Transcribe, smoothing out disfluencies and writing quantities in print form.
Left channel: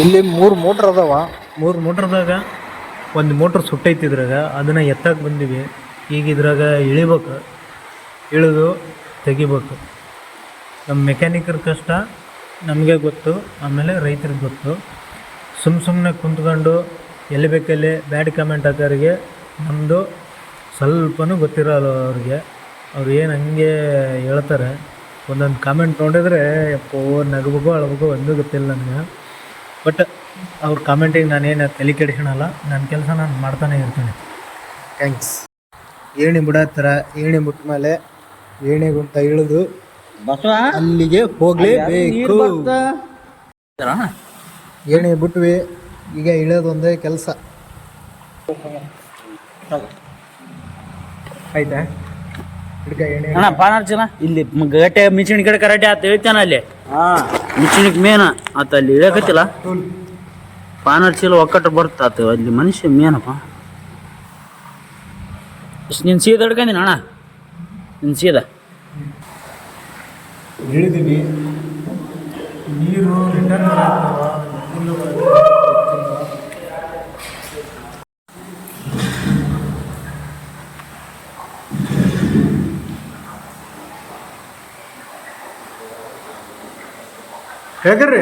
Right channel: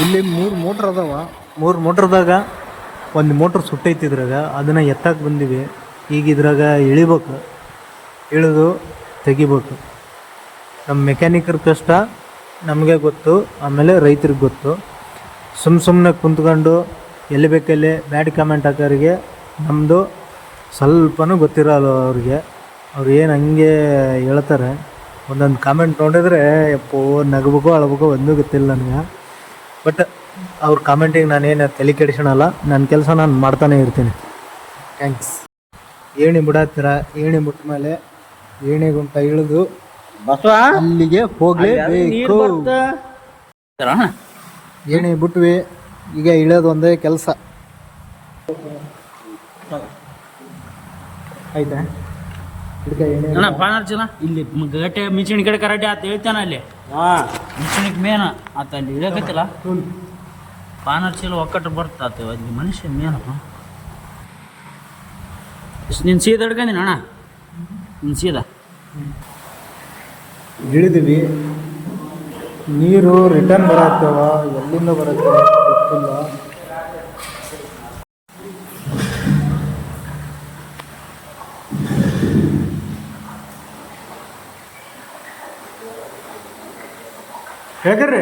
ಇಲ್ಲಿ 3 ಮೋಟ್ರ್ ಅದಾವ. 3 ಮೋಟ್ರದಾಗ ಒಂದು ಮೋಟ್ರ್ ಸುಟ್ಟೈತಿ ಇದ್ರಾಗ. ಅದನ್ನು ಎತ್ತಕ್ಕೆ ಬಂದಿವಿ. ಈಗ ಇದ್ರಾಗ ಇಳಿಬೇಕು, ಇಳಿದು ತೆಗಿಬೇಕು. ನಮ್ಮ ಮೆಕ್ಯಾನಿಕರ್ ಕಷ್ಟ ನಮಗೆ ಗೊತ್ತು, ಆಮೇಲೆ ರೈತರಿಗೆ ಗೊತ್ತು. ಸುಮ್ಮನೆ ಕುಂತ್ಕೊಂಡು ಎಲ್ಲಿ ಬೇಕಲ್ಲಿ ಬ್ಯಾಡ್ ಕಮೆಂಟ್ ಹಾಕೋರಿಗೆ ನಮ್ಮದು ಸ್ವಲ್ಪನೂ ಗೊತ್ತಿರೋಲ್ಲ ಅವ್ರಿಗೆ. ಅವ್ರು ಏನು ಹಂಗೆ ಹೇಳ್ತಾರೆ. ಒಂದೊಂದು ಕಾಮೆಂಟ್ ನೋಡಿದ್ರೆ ಎಪ್ಪೋ ನಗಬೇಕು ಅಳಬೇಕು ಒಂದೂ ಗೊತ್ತಿಲ್ಲ ನನಗೆ. ಬಟ್ ಅವ್ರ ಕಾಮೆಂಟಿಗೆ ನಾನೇನು ತಲೆ ಕೆಡಿಸೋಣಲ್ಲ. ನನ್ನ ಕೆಲಸ ನಾನು ಮಾಡ್ತಾನೆ ಇರ್ತೀನಿ. ಥ್ಯಾಂಕ್ಸ್. ಏಣಿ ಬಿಡತ್ತರ, ಏಣಿ ಬಿಟ್ಟ ಮೇಲೆ ಏಣಿಗುಂಟ ಇಳಿದು ಅಲ್ಲಿಗೆ ಹೋಗಲೇಬೇಕು. ಏಣಿ ಬಿಟ್ವಿ, ಈಗ ಇಳಿಯೋದು ಒಂದೇ ಕೆಲಸ. ಆಯ್ತಾ ಅಣ್ಣ ಪಾನಾರ್ ಚಲ ಇಲ್ಲಿ ಗಟ್ಟೆ ಮಿಂಚಿನ ಕಡೆ ಕರಾಟೆ ಆತ ಹೇಳ್ತಾನ ಅಲ್ಲಿ. ಮಿಂಚಿನಕ್ ಮೇನ ಆತ ಅಲ್ಲಿ ಇಳಕತ್ತಿಲ್ಲ. ಪಾನಾರ್ ಚೀಲ ಒಕ್ಕಟ್ಟು ಬರ್ತಾತ ಅಲ್ಲಿ ಮನುಷ್ಯ ಮೇನಪ್ಪ. ನಿನ್ ಸೀದ ಹಿಡ್ಕಂದಿನ ಅಣ್ಣ, ನಿನ್ ಸೀದ ಇಳಿದ್ವಿ. ನೀರು ರಿಟರ್ನ್ ಬರತ್ತವ, ಎಲ್ಲಿಂದ ಬರುತ್ತೆ ಗೊತ್ತಿಲ್ಲ. ಹೇಗ್ರಿ